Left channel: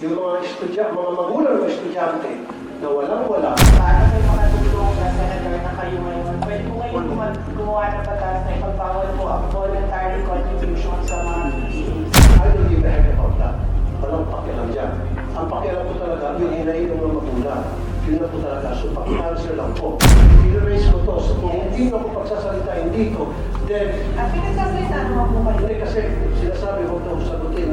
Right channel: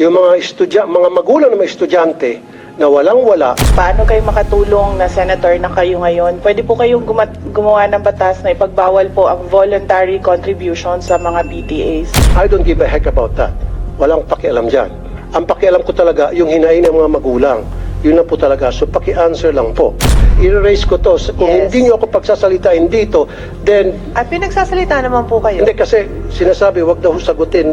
Yung mga magulang ng mga estudyante na walang-wala. Paano kayo makatulong na senator na kayo ngayon? Pwede po kayong gumawa ng batas na ipagbawal po ang voluntary contribution sa mga PTAs. I don't give a heck about that. Walang pakialam dyan. Ang pakialam ko talaga, yung hinain ng mga magulang. Yun na po talaga. So, paki-answer lang po. I-raise ko to. Kung Yes. hindi nyo ako pagsasalitain dito, then, At pinagsasalita naman po kayo. hindi kasi sinasabi, wag daw sagutin.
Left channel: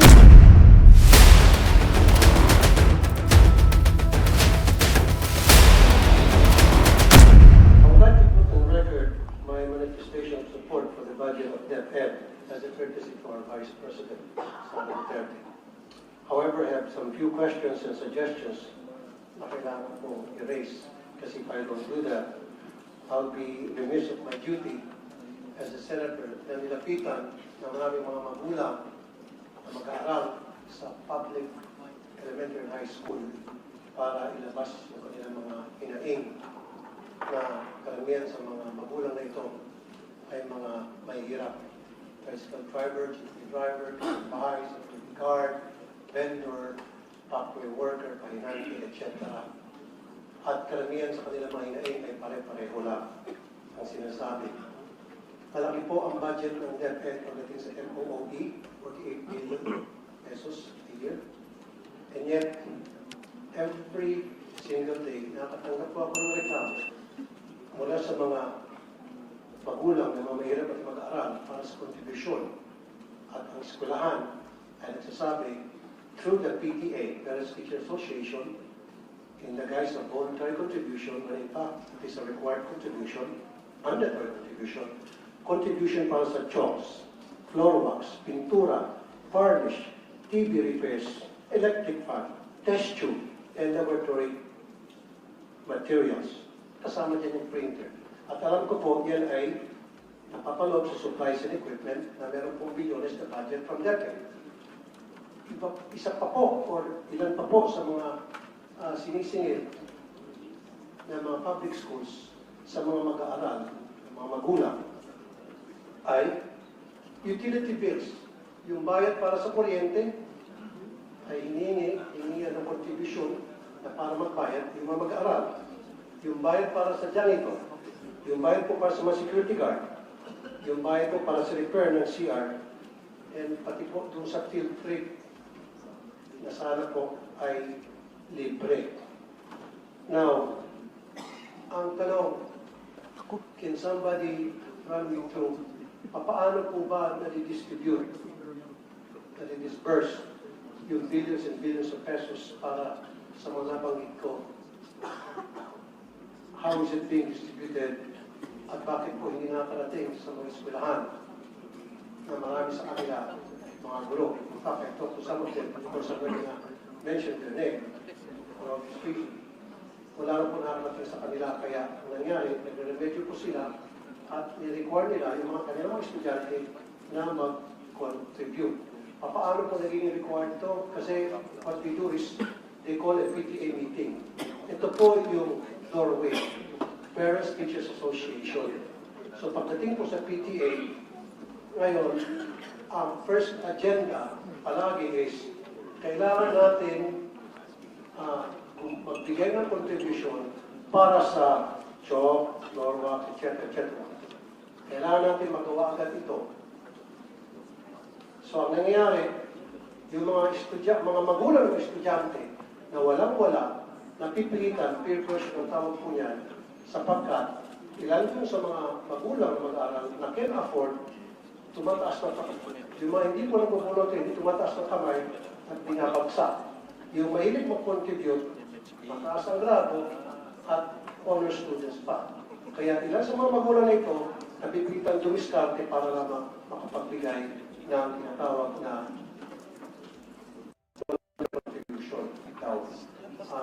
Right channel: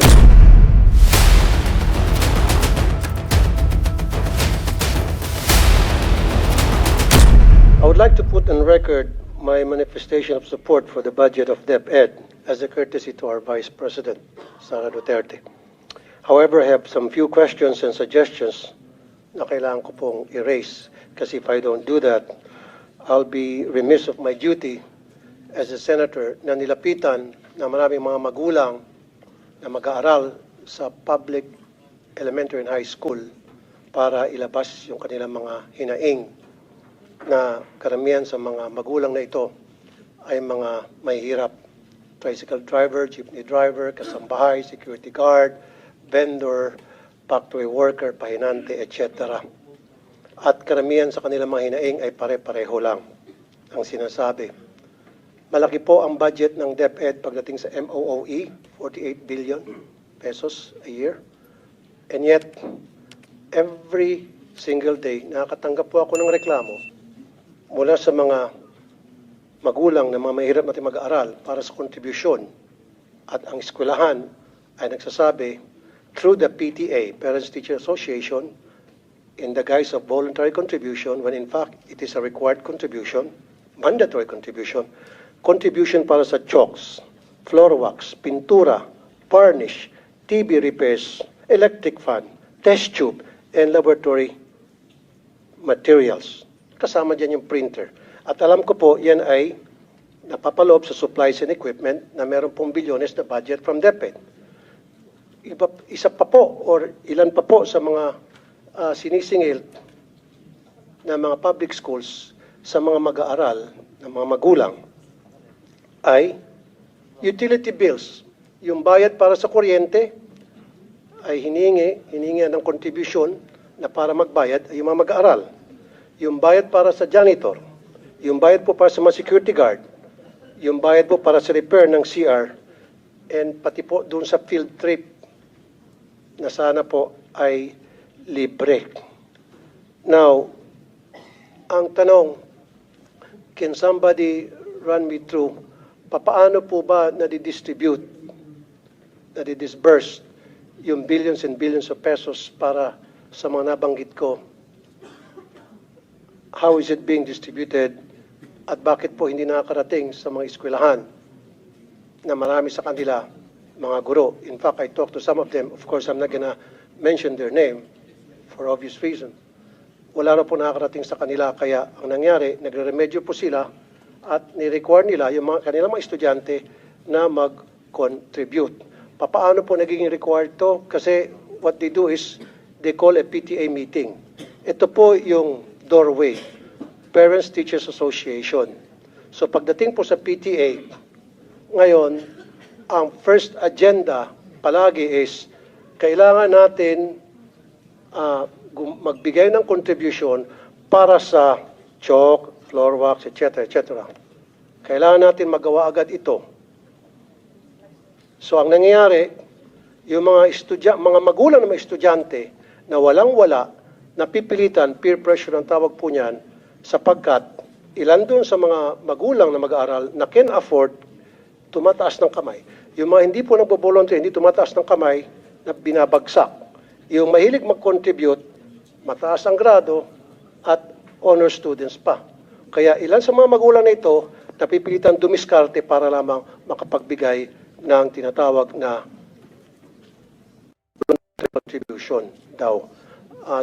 I would like to put on record my manifestation of support for the budget of DepEd as a courtesy to our Vice President, Sara Duterte. However, I have some few questions and suggestions na kailangan ko pong erase kasi if I don't do that, I'll be remiss of my duty as a senator na nilapitan na maraming mga magulang na mag-aaral sa public elementary and high school para ilabas yung kanilang mga hinaing na karamihan sa mga magulang na ito ay mga mahihirap. Tricycle driver, jeepney driver, kasambahay, security guard, vendor, factory worker, pahinante, etc. At karamihan sa kanilang mga hinaing ay pare-pareho lang ang sinasabi. Malaki po ang budget ng DepEd pagdating sa MOOE, 48 billion pesos a year. And yet, every single day, nakakatanggap po ako ng reklamo mula sa mga magulang na mga mahirap natin mag-aaral para sa kontribusyon. At ang eskwelahan ay nagsasabi through the PTA, Parents Teacher Association, in the guise of voluntary contribution, when in fact it is a required contribution, mandatory contribution, contribution para sa chalks, floor wax, pintura, varnish, TV repairs, electric fan, test tube, and laboratory materials. Kasama dyan yung printer. At alam ko po, yan ay napapaloob sa supplies and equipment na meron pong bilyones na budget from DepEd. Isa pa po, or ilan pa po sa mga sinisingil na mga public schools sa mga mag-aaral, ng mga magulang, ay utility bills. Yung bayad para sa kuryente ay hiningi ng contribution na para magbayad ay yung mga mag-aaral. Yung bayad para sa janitor, yung bayad po para sa mga security guard, yung bayad po para sa repair ng CR, and pati po doon sa field trip na sana po ay libre. Now, ang tanong, can somebody run me through, paano po ba nadi-distribute, nadi-disburse yung billions and billions of pesos para sa mga nabanggit ko? How is it being distributed? At bakit po hindi nakakarating sa mga eskwelahan na marami sa kanila mga guro? In fact, I talked to some of them. Of course, I'm not gonna mention their name for obvious reason. Wala na po nakakarating sa kanila. Kaya ang nangyari, nagre-remedyo po sila at ni-require nila yung kanilang mga estudyante na mag-contribute. Paano po naging required to? Kasi what they do is they call a PTA meeting. Ito po yung doorway, Parents Teachers Association. So pagdating po sa PTA, ngayon, ang first agenda palagi is kailangan natin magbigay ng contribution para sa chalk, floor wax, etc. etc. Kailangan natin magawa agad ito. So ang nangyayari, yung mga magulang ng mga estudyante na walang-wala, napipilitan, peer pressure ang tawag po niyan, sapagkat ilan doon sa mga magulang na mag-aaral na can afford, tumataas ng kamay. Yung mga hindi po nagbo-volunteer, hindi tumataas ng kamay, na binabagsak. Yung mahilig mag-contribute, mataas ang grado, at honor students pa. Kaya ilan sa mga magulang na ito, napipilitan dumiskarte para lamang makapagbigay ng tinatawag na contribution daw.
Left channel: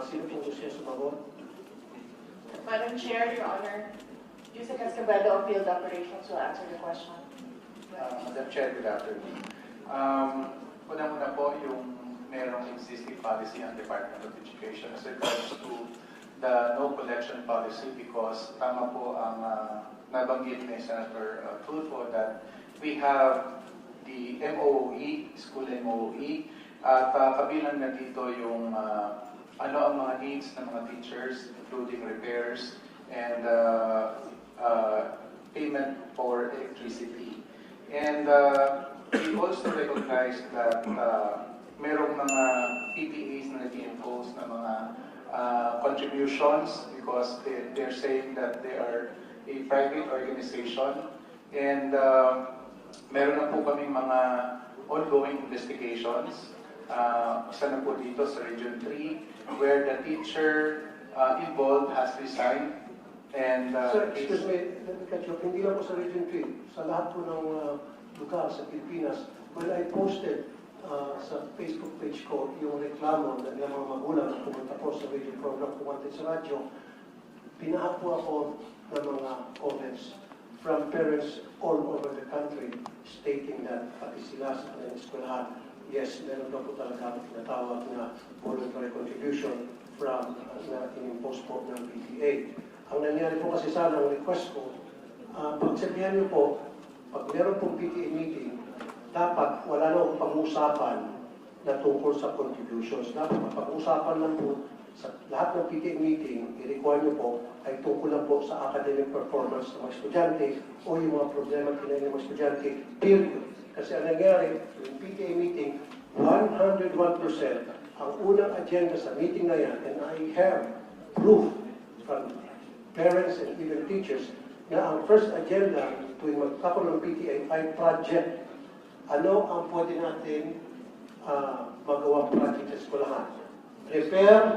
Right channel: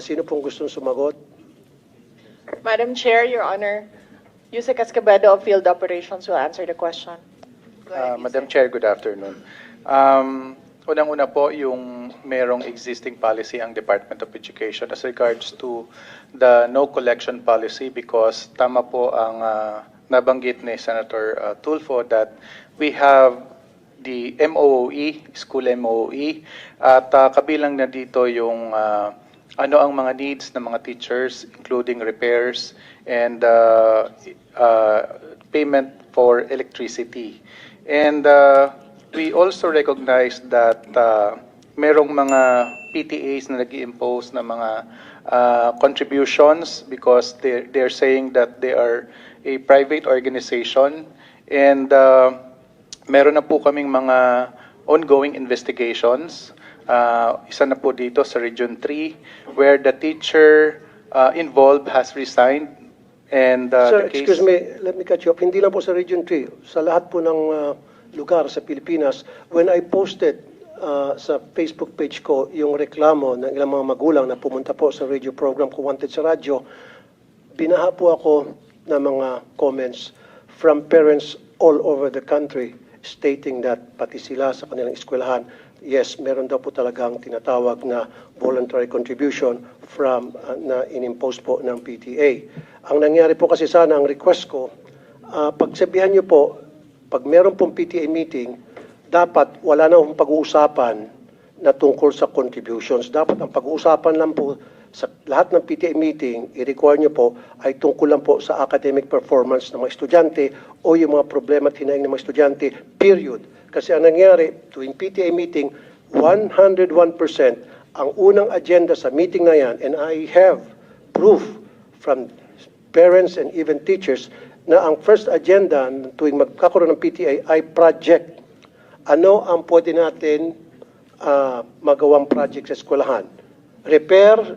Sino pong gusto sumagot? Madam Chair, Your Honor, Yusek Escobedo of Field Operations will answer the question. Madam Chair, good afternoon. Unang-una po, yung merong existing policy ang Department of Education as regards to the no collection policy because tama po ang nabanggit ni Senator Tulfo that we have the MOOE, school MOOE, at kabilang na dito yung ano ang mga needs ng mga teachers, including repairs and payment for electricity. And we also recognize that merong mga PTAs na nag-i-impose na mga contributions because they're saying that they are a private organization, and meron na po kaming mga ongoing investigations. Isa na po dito sa Region 3 where the teacher involved has resigned, and Sir, the case... excuse me, let me cut you off. Hindi lang po sa Region 3, sa lahat po ng lugar sa Pilipinas, when I posted sa Facebook page ko yung reklamo ng ilang mga magulang na pumunta po sa radio program ko Wanted sa radyo, binaha po ako ng mga comments from parents all over the country stating that pati sila sa kanilang eskwelahan, yes, meron daw po talagang tinatawag na voluntary contribution from na inimpose po ng PTA. Ang nangyari po kasi sana, ang request ko, pagsabihan niyo po, pag meron pong PTA meeting, dapat wala na akong pag-uusapan na tungkol sa contributions. Dapat ang pag-uusapan lang po sa lahat ng PTA meeting, i-require nyo po, ay tungkol lang po sa academic performance ng mga estudyante o yung mga problema at hinaing ng mga estudyante, period. Kasi ang nangyari, tuwing PTA meeting, 101% ang unang agenda sa meeting na yan, and I have proof from parents and even teachers na ang first agenda tuwing magkakaroon ng PTA ay project. Ano ang pwede natin magawang project sa eskwelahan? Repair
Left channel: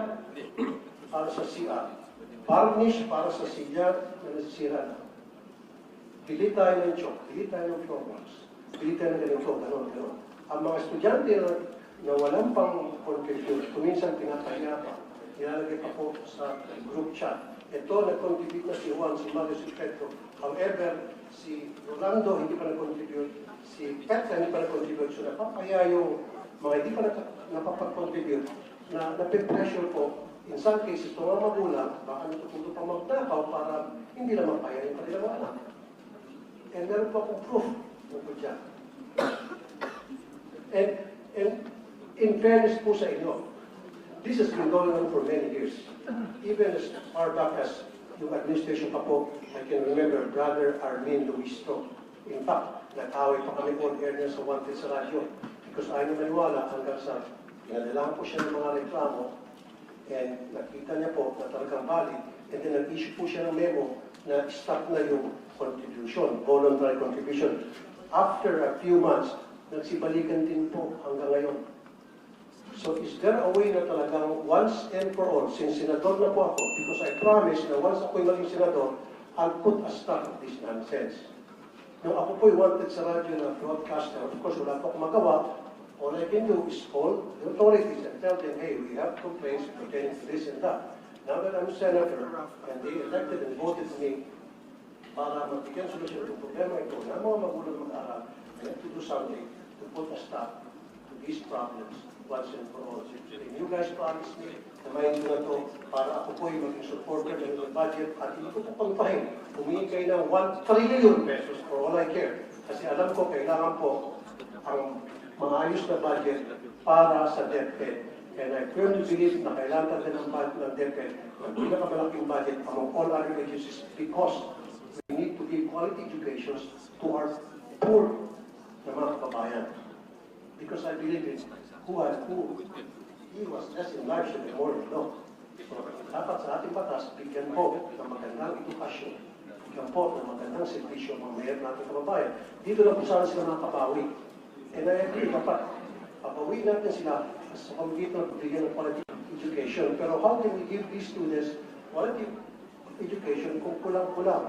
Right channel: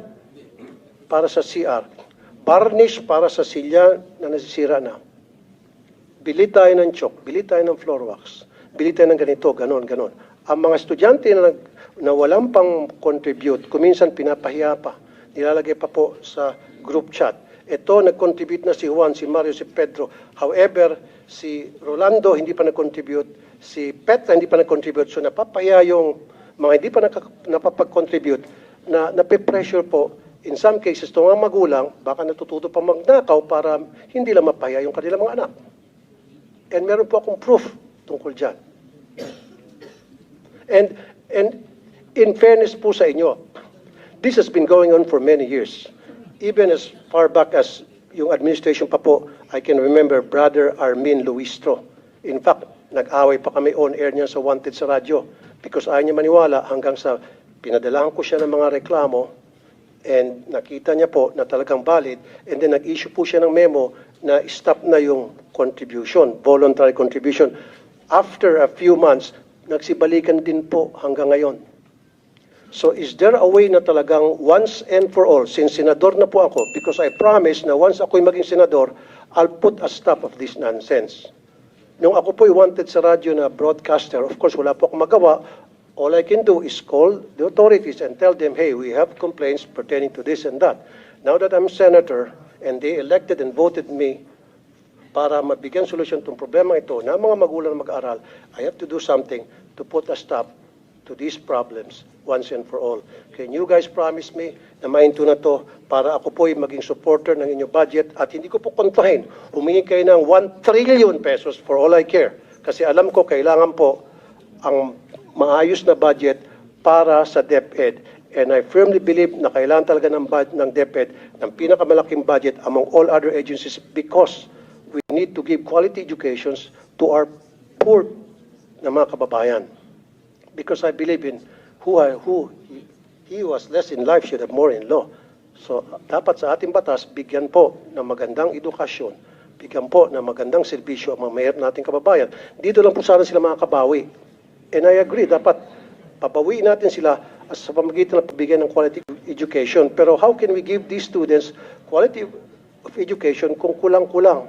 para sa CR. Varnish para sa silya na nasisira na. Bili tayo ng chalk, bili tayo ng floor wax, bili tayo ng ganito, ganon, ganon. Ang mga estudyante na walang pang contribute, kuminsan pinapahiya pa, nilalagay pa po sa group chat. Ito, nag-contribute na si Juan, si Mario, si Pedro. However, si Rolando hindi pa nag-contribute, si Petra hindi pa nag-contribute. So napapahiya yung mga hindi pa napapag-contribute na nape-pressure po. In some cases, itong mga magulang, baka natututo pa magnakaw para hindi lang mapahiya yung kanilang mga anak. And meron po akong proof tungkol dyan. And in fairness po sa inyo, this has been going on for many years. Even as far back as yung administration pa po, I can remember Brother Armin Luistro. In fact, nag-away pa kami on-air niya sa Wanted sa radyo because ayaw niya maniwala hanggang sa pinadalahan ko siya ng mga reklamo and nakita niya po na talagang valid, and then nag-issue po siya ng memo na stop na yung contribution, voluntary contribution. After a few months, nagsibalikan din po hanggang ngayon. So is there a way na talagang once and for all, since senador na po ako, because I promise na once ako'y maging senador, I'll put a stop of this nonsense. Nung ako po'y wanted sa radyo na broadcaster, of course wala po akong magawa. All I can do is call the authorities and tell them, hey, we have complaints pertaining to this and that. Now that I'm senator and they elected and voted me para mabigyan solusyon itong problema ito na mga magulang na mag-aaral, I have to do something to put a stop to these problems once and for all. Can you guys promise me na mainto na to para ako po'y maging supporter ng inyong budget at hindi ko po kontrahin, humingi kayo ng 1 trillion pesos for all I care. Kasi alam ko kailangan po ang maayos na budget para sa DepEd. And I firmly believe na kailangan talaga ng DepEd ng pinakamalaking budget among all other agencies because we need to give quality educations to our poor na mga kababayan. Because I believe in who he was less in life should have more in law. So dapat sa ating batas, bigyan po ng magandang edukasyon, bigyan po ng magandang serbisyo ang mga mayroon nating kababayan. Dito lang po sana sila makakabawi. And I agree, dapat pabawiin natin sila sa pamamagitan ng pagbigay ng quality education. Pero how can we give these students quality of education kung kulang-kulang?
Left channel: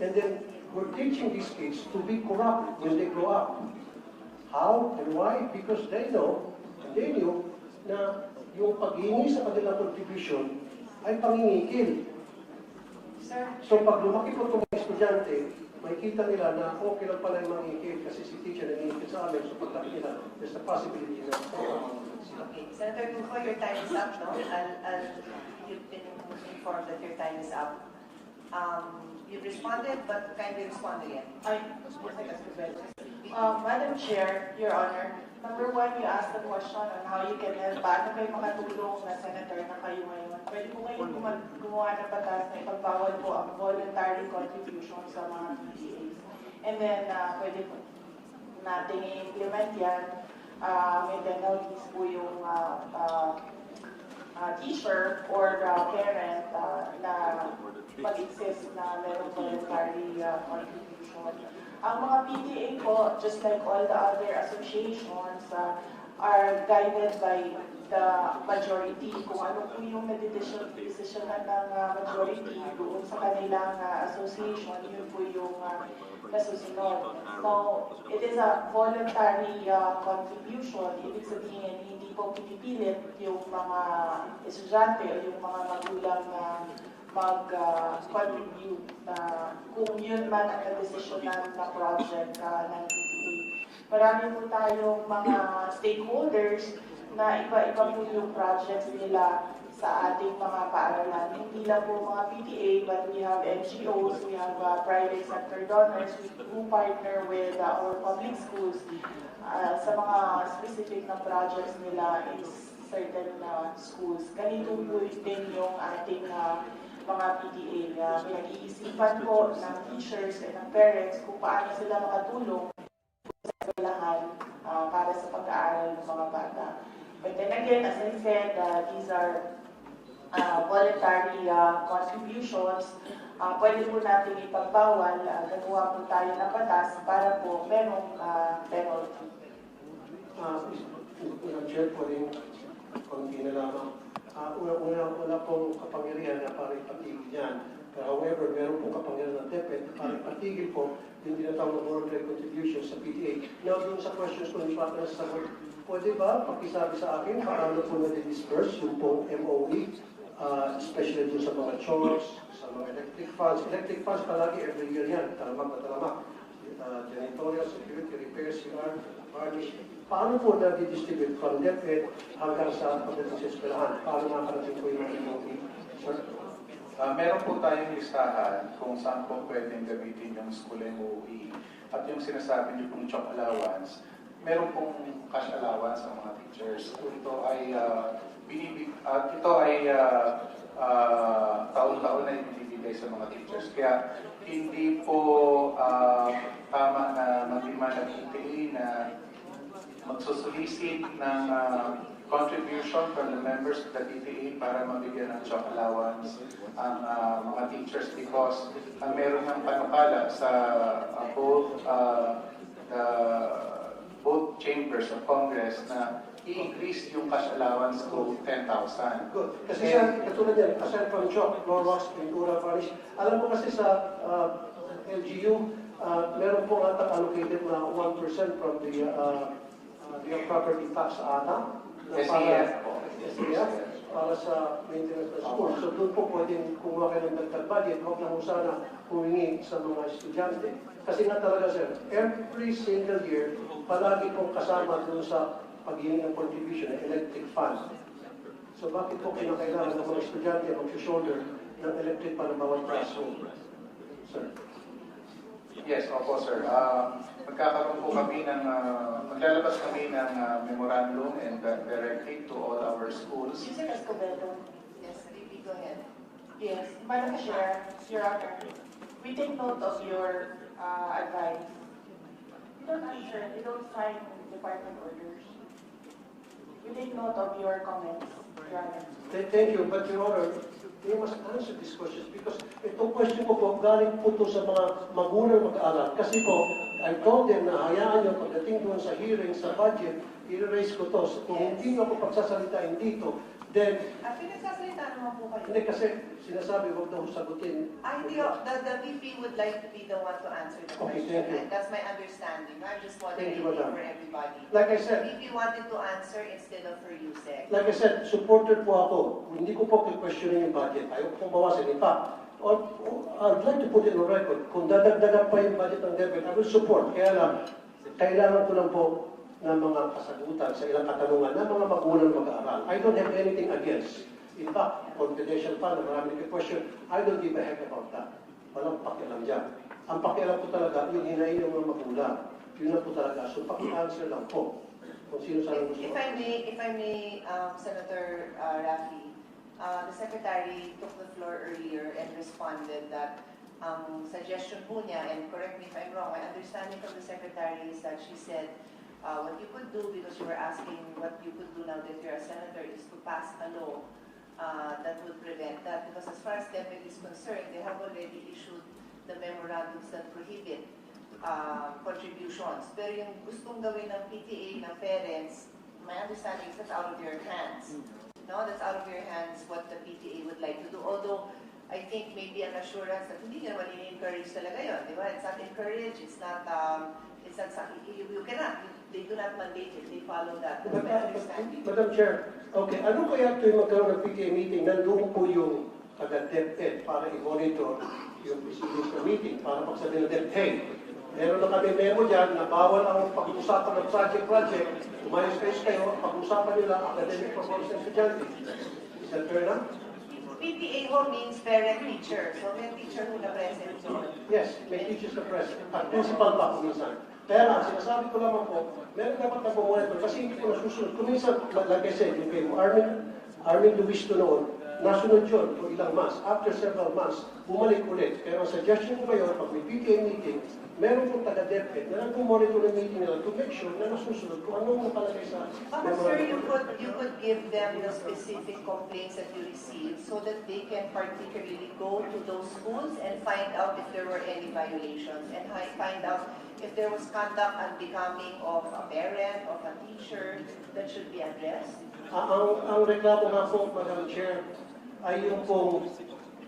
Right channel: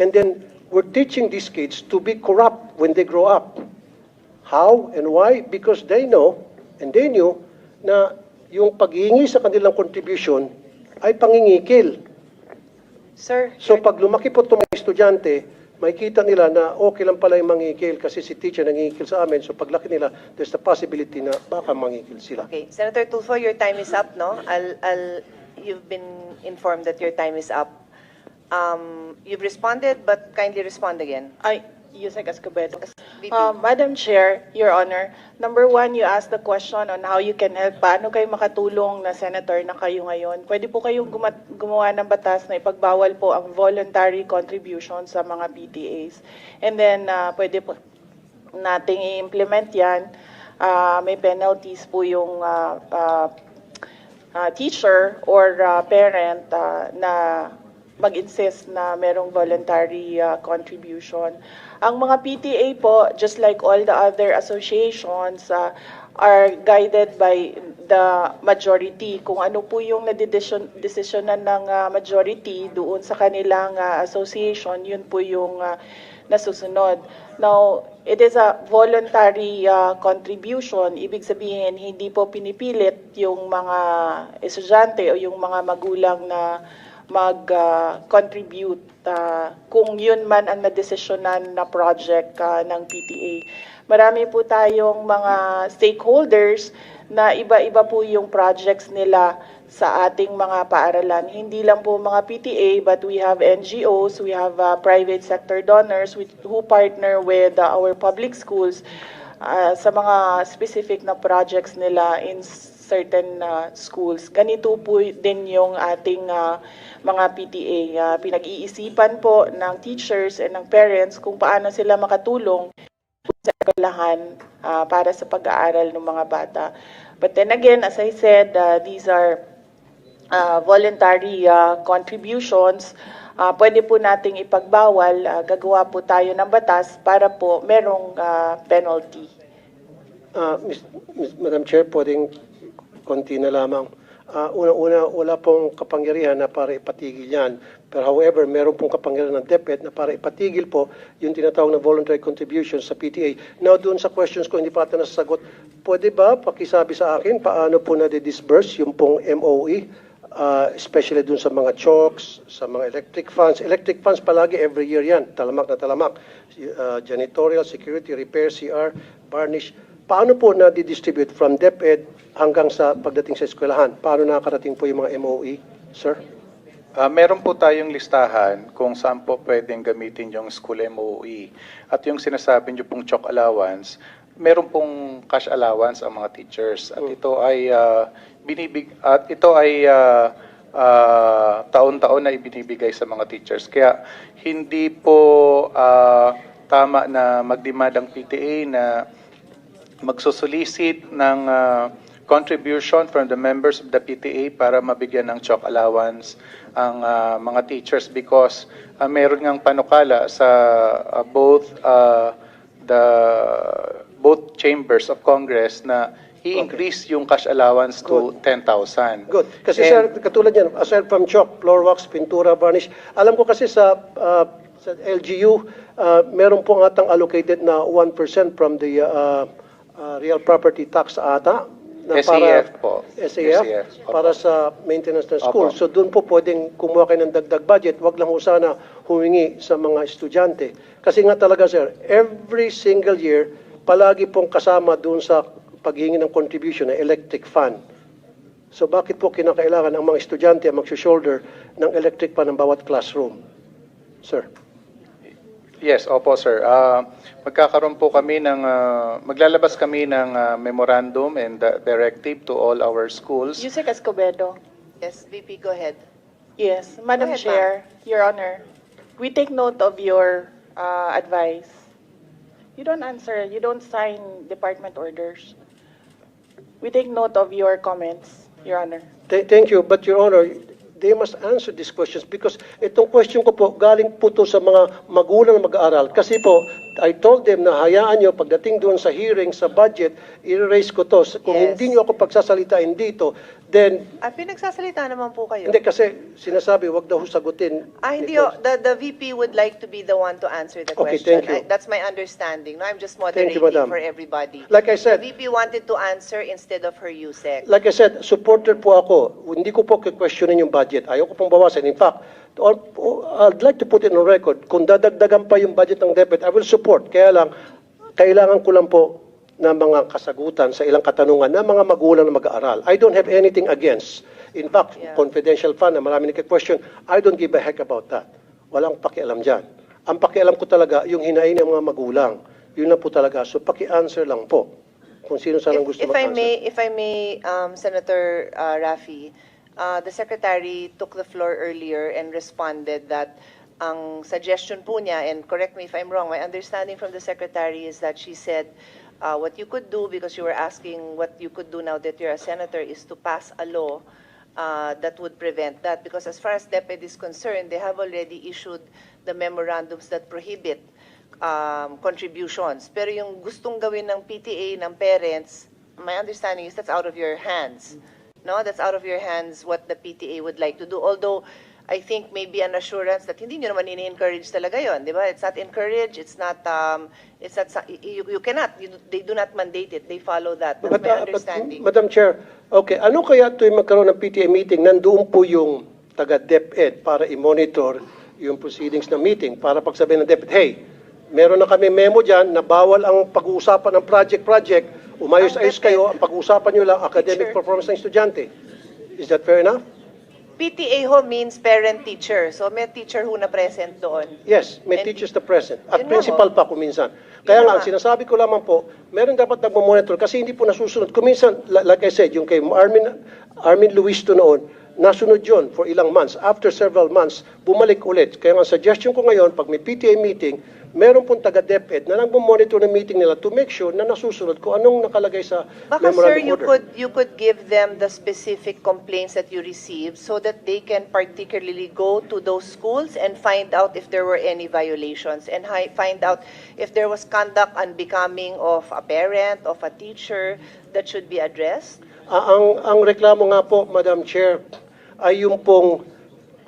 And then we're teaching these kids to be corrupt when they grow up. How and why? Because they know and they knew na yung paghihingi sa kanilang contribution ay pangingikil. Sir, So pag lumaki po itong mga estudyante, makikita nila na okay lang pala yung mangingikil kasi si teacher nangingikil sa amin. So paglaki nila, there's the possibility na baka mangingikil sila. okay. Senator Tulfo, your time is up, no? You've been informed that your time is up. You've responded, but kindly respond again. Ay, Yusek Escobedo. Madam Chair, Your Honor, number one, you asked the question on how you can help. Paano kayo makatulong na senator na kayo ngayon? Pwede po kayong gumawa ng batas na ipagbawal po ang voluntary contribution sa mga PTAs. And then, pwede po nating i-implement yan. May penalties po yung teacher or parent na mag-insist na merong voluntary contribution. Ang mga PTA po, just like all the other associations, are guided by the majority. Kung ano po yung nadidesisyonan ng majority doon sa kanilang association, yun po yung nasusunod. Now, it is a voluntary contribution. Ibig sabihin, hindi po pinipilit yung mga estudyante o yung mga magulang na mag-contribute kung yun man ang nadesisyonan na project ng PTA. Marami po tayong mga stakeholders na iba-iba po yung projects nila sa ating mga paaralan. Hindi lang po mga PTA, but we have NGOs, we have private sector donors who partner with our public schools sa mga specific na projects nila in certain schools. Ganito po din yung ating mga PTA. Pinag-iisipan po ng teachers and ng parents kung paano sila makatulong sa eskwelahan para sa pag-aaral ng mga bata. But then again, as I said, these are voluntary contributions. Pwede po nating ipagbawal, gagawa po tayo ng batas para po merong penalty. Madam Chair, pwedeng konti na lamang. Una-una, wala pong kapangyarihan na para ipatigil yan. Pero however, meron pong kapangyarihan ng DepEd na para ipatigil po yung tinatawag na voluntary contributions sa PTA. Now, doon sa questions ko, hindi pa ata nasasagot. Pwede ba pakisabi sa akin paano po na-disburse yung pong MOE? Especially doon sa mga chalks, sa mga electric funds. Electric funds palagi every year yan, talamak na talamak. Janitorial, security, repair, CR, varnish. Paano po na-distribute from DepEd hanggang sa pagdating sa eskwelahan? Paano nakakarating po yung mga MOE, sir? Meron po tayong listahan kung saan po pwedeng gamitin yung school MOE. At yung sinasabi niyo pong chalk allowance, meron pong cash allowance ang mga teachers. At ito ay taon-taon na ibinibigay sa mga teachers. Kaya hindi po tama na mag-demand ang PTA na magsusolicit ng contribution from the members of the PTA para mabigyan ng chalk allowance ang mga teachers because meron ngang panukala sa both chambers of Congress na i-increase yung cash allowance to 10,000. Good. Kasi sir, katulad yan, aside from chalk, floor wax, pintura, varnish, alam ko kasi sa LGU, meron po atang allocated na 1% from the real property tax ata. Na SAF po. SAF, para sa maintenance ng school. Opo. So doon po pwedeng kumuha kayo ng dagdag budget. Wag lang ho sana humingi sa mga estudyante. Kasi nga talaga sir, every single year, palagi pong kasama doon sa paghingi ng contribution ng electric fund. So bakit po kinakailangan ang mga estudyante ang mag-shoulder ng electric fund ng bawat classroom? Sir. Yes, opo sir. Magkakaroon po kami ng, maglalabas kami ng memorandum and directive to all our schools. Yusek Escobedo. Yes, VP, go ahead. Yes, Madam Go ahead, Chair, Your Honor, we take note of your advice. You don't answer, you don't sign department orders. We take note of your comments, Your Honor. Thank you, but Your Honor, they must answer these questions because itong question ko po, galing po to sa mga magulang na mag-aaral. Kasi po, I told them na hayaan nyo, pagdating doon sa hearing, sa budget, i-raise ko to. Kung Yes. hindi nyo ako pagsasalitain dito, then, Pinagsasalita naman po kayo. hindi kasi sinasabi, wag daw sagutin. Hindi, Because- the VP would like to be the one to answer the Okay, question. thank you. That's my understanding. No, I'm just Thank you, moderating Madam. for everybody. Like I The said, VP wanted to answer instead of her USEC. Like I said, supporter po ako. Hindi ko po questionin yung budget. Ayaw ko pong bawasan. In fact, I'd like to put it on record, kung dadagdagan pa yung budget ng DepEd, I will support. Kaya lang, kailangan ko lang po ng mga kasagutan sa ilang katanungan ng mga magulang na mag-aaral. I don't have anything against. In fact, Yeah. confidential fund na marami nagka-question, I don't give a heck about that. Walang pakialam dyan. Ang pakialam ko talaga, yung hinahin ng mga magulang. Yun lang po talaga. So paki-answer lang po kung sino sanang gusto If I mag-answer. if I may, Senator Raffy, the Secretary took the floor earlier and responded that ang suggestion po niya, and correct me if I'm wrong, my understanding from the Secretary is that she said, what you could do, because you were asking what you could do now that you're a senator, is to pass a law that would prevent that. Because as far as DepEd is concerned, they have already issued the memorandums that prohibit contributions. Pero yung gustong gawin ng PTA, ng parents, my understanding is that's out of your hands. No, that's out of your hands what the PTA would like to do. Although, I think maybe an assurance that hindi nyo naman ini-encourage talaga yon, di ba? It's not encouraged, you cannot, they do not mandate it, they follow that. That's my understanding. Madam Chair, okay, ano kaya tuwing magkaroon ng PTA meeting, nandoon po yung taga-DepEd para i-monitor yung proceedings ng meeting, para pagsabihin ng DepEd, hey, meron na kami memo dyan na bawal ang pag-uusapan ng project, umayos-ayos kayo, ang pag-uusapan nyo lang academic Sure. performance ng estudyante. Is that fair enough? PTA ho means parent-teacher, so may teacher ho na present doon. Yes, may And- teachers na present. At Yun principal ako. pa kuminsan. Kaya nga, nga. sinasabi ko lamang po, meron dapat nagmo-monitor kasi hindi po nasusunod. Kuminsan, like I said, yung kay Armin Luisto noon, nasunod yun for ilang months. After several months, bumalik ulit. Kaya nga, suggestion ko ngayon, pag may PTA meeting, meron pong taga-DepEd na nagmo-monitor ng meeting nila to make sure na nasusunod kung anong nakalagay sa Baka sir, memorandum order. you could give them the specific complaints that you received so that they can particularly go to those schools and find out if there were any violations and find out if there was conduct unbecoming of a parent, of a teacher that should be addressed. Ang reklamo nga po, Madam Chair, ay yung pong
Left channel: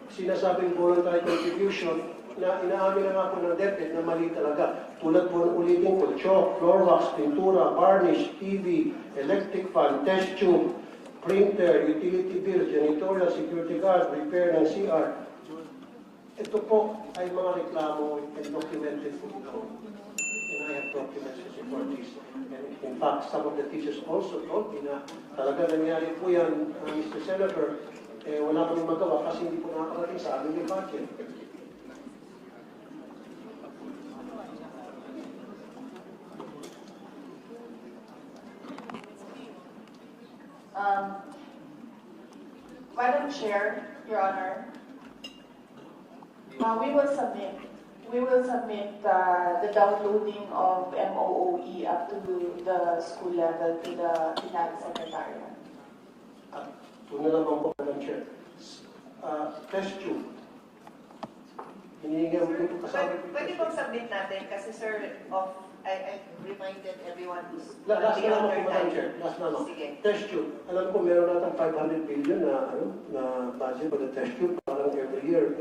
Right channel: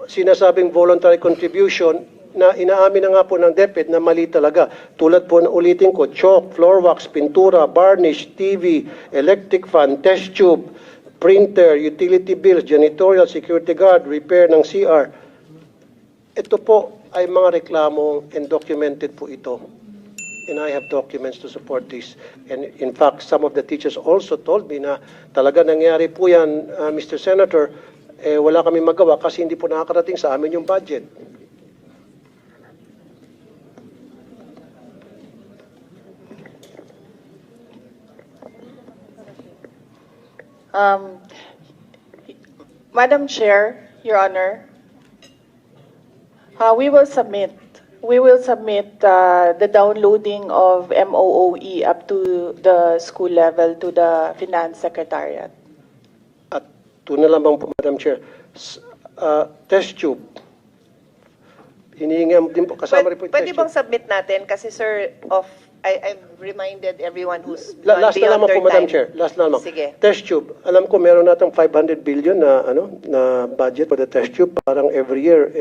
sinasabing voluntary contribution na inaamin na nga po ng DepEd na mali talaga. Tulad po na ulitin ko, chalk, floor wax, pintura, varnish, TV, electric fan, test tube, printer, utility bills, janitorial, security guard, repair ng CR. Ito po ay mga reklamo and documented po ito. And I have documents to support this. And in fact, some of the teachers also told me na talaga nangyari po yan, Mr. Senator, wala kami magawa kasi hindi po nakakarating sa amin yung budget. Madam Chair, Your Honor, we will submit the downloading of MOOE up to the school level to the Finance Secretariat. At ito na lamang po, Madam Chair, test tube. Hinihingi din po, kasama rin po yung Pwede test bang tube. submit natin? Kasi sir, I've reminded everyone who's Last na beyond lamang their po, Madam time. Chair. Last na lamang. Sige. Test tube. Alam ko meron natang 500 billion na budget for the test tube. Parang every year,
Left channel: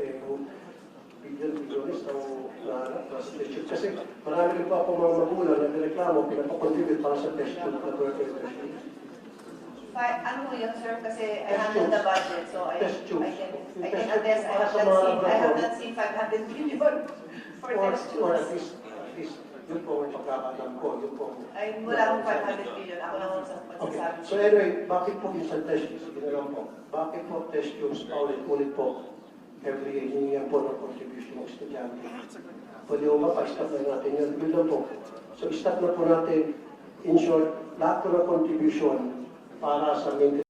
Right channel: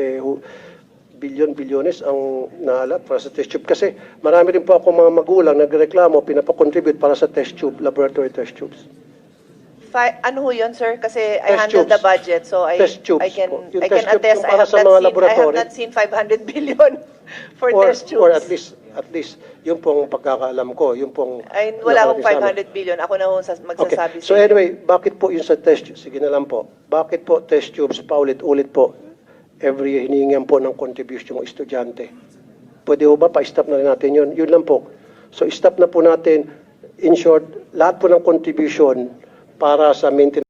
bilyones ang naalat para sa test tube. Kasi marami rin po ako mga magulang nagreklamo, pinapakontribute para sa test tube, laboratory test tubes. Ano ho yun, sir? Kasi I Test handle the tubes. budget, so Test tubes I can po. Yung I can test tube attest. po para sa mga I have laboratory. not seen 500 billion for test tubes. Or at least, yung pong pagkakaalam ko, yung pong... Ay, wala akong nasabi sa amin. 500 billion. Ako na ho Okay. magsasabi So sa inyo. anyway, bakit po yung sa test tubes? Sige na lang po. Bakit po test tubes paulit-ulit po? Every year, hinihingan po ng contribution ng estudyante. Pwede po ba pa-stop na rin natin yun? Yun lang po. So stop na po natin. In short, lahat po ng contribution para sa maintenance